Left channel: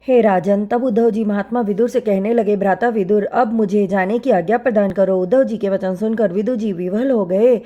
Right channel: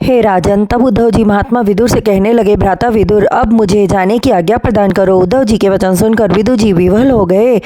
हे राजन, तब उद्धव जी महात्मा विदुर से कहने लगे, भ्राता विदुर, अब मुझे जाने की आज्ञा प्रदान करो। उद्धव जी के वचन सुनकर विदुर जी विह्वल हो गए,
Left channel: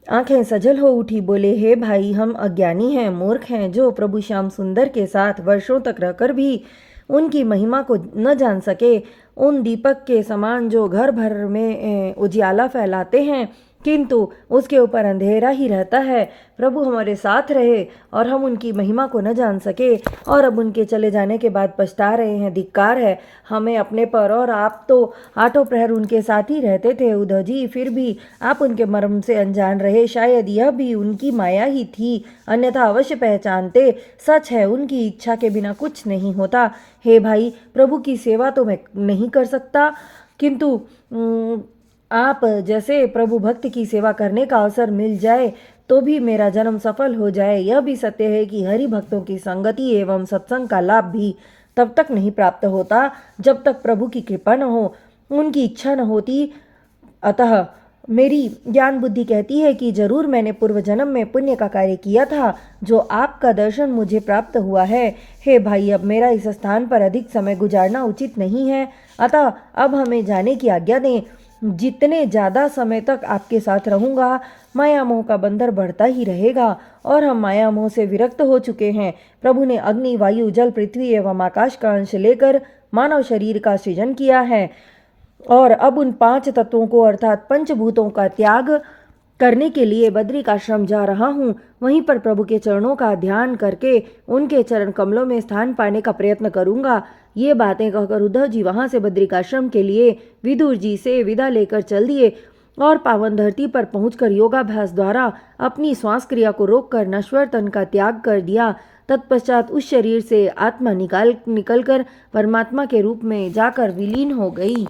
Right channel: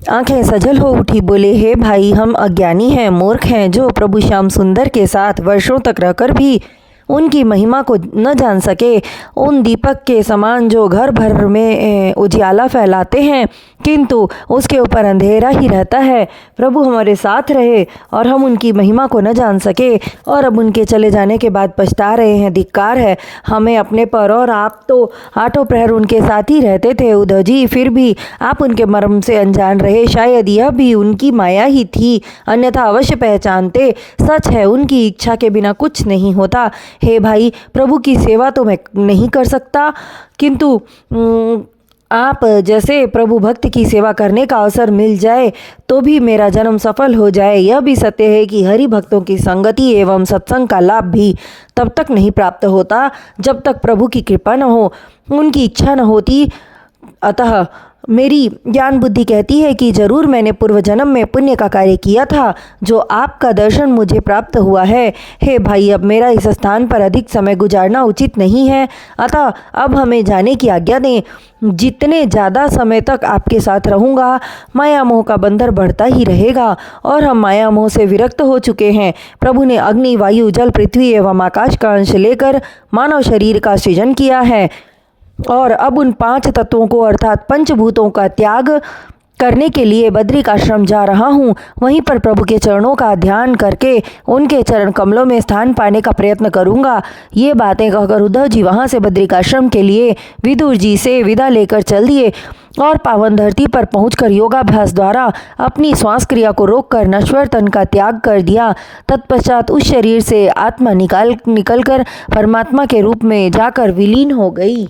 आंखें सजल हो उठी। बोले, हे भाई, हम अज्ञानी हैं, मूर्ख हैं, जो प्रभु श्याम सुंदर के साथ वर्षों तक रहकर भी उनकी महिमा को न जान सके। उन दीपक के समान जो घर भर में उजियाला फैलाते हैं, किंतु उसके ऊपर अंधेरा ही रहता है। प्रभु हमारे साथ रहे और हम उनकी महिमा को न जान सके, और अब उनके चले जाने के बाद पछता रहे हैं। धिक्कार है हमें अपने पर, और आप तो आठों प्रहर उनके साथ ही रहते थे उद्धव जी, फिर भी आप उनके मर्म से अनजान रहे। शायद यह भी उनकी माया ही थी, अन्यथा अवश्य पहचानते। सच है, उनकी इच्छा के बिना कुछ नहीं होता। हे भाई, प्रभु की सेवा तो मैं नहीं कर सकता, किंतु आप जैसे प्रभु भक्त की सेवा करने का अवसर मिल जाए तो भी मेरा जन्म सफल हो जाए। यह भी सत्य है कि हरि भक्तों की संगति एवं सत्संग का लाभ भी तब तक नहीं प्राप्त होता जब तक प्रभु की कृपा न हो, उनकी इच्छा न होती। अतः मेरी ज्ञान बुद्धि कहती है कि जरूर मैंने पूर्व जन्म में पुण्य का कार्य किया था, जो आपका दर्शन मुझे प्राप्त हुआ है। हे भाई, अब मेरा इस स्थान पर अधिक समय गुजारना उचित नहीं है, अतः अब हमें जाने की आज्ञा दें। जितने ज़्यादा समय तक आपके साथ रहूँगा, माया मोह का बंधन बढ़ता ही रहेगा, और हम माया मोह से विरक्त हो चुके हैं। प्रभु ने अग्नि, वायु, जल, पृथ्वी एवं आकाश का अंश लेकर मानव शरीर का सृजन किया है, और अब उन 5 तत्वों को अर्थात पंचभूतों का त्याग करने के लिए बद्रिक आश्रम जा रहा हूँ। वहीं पर प्रभु के चरणों का ध्यान करके उनके चरण कमलों में स्थान पाने का प्रयत्न करूँगा। ये बातें कहकर उद्धव जी वहाँ से बद्रिक आश्रम के लिए विदुर जी से विदा लेकर चल दिए, और पावन धरती पर पहुंचकर योगाभ्यास द्वारा अपनी श्वास क्रिया को रोककर नश्वर तन का त्याग कर दिया। तत्पश्चात उस शरीर से आत्मा निकलकर परमात्मा के रूप में जाकर विलीन हो गई।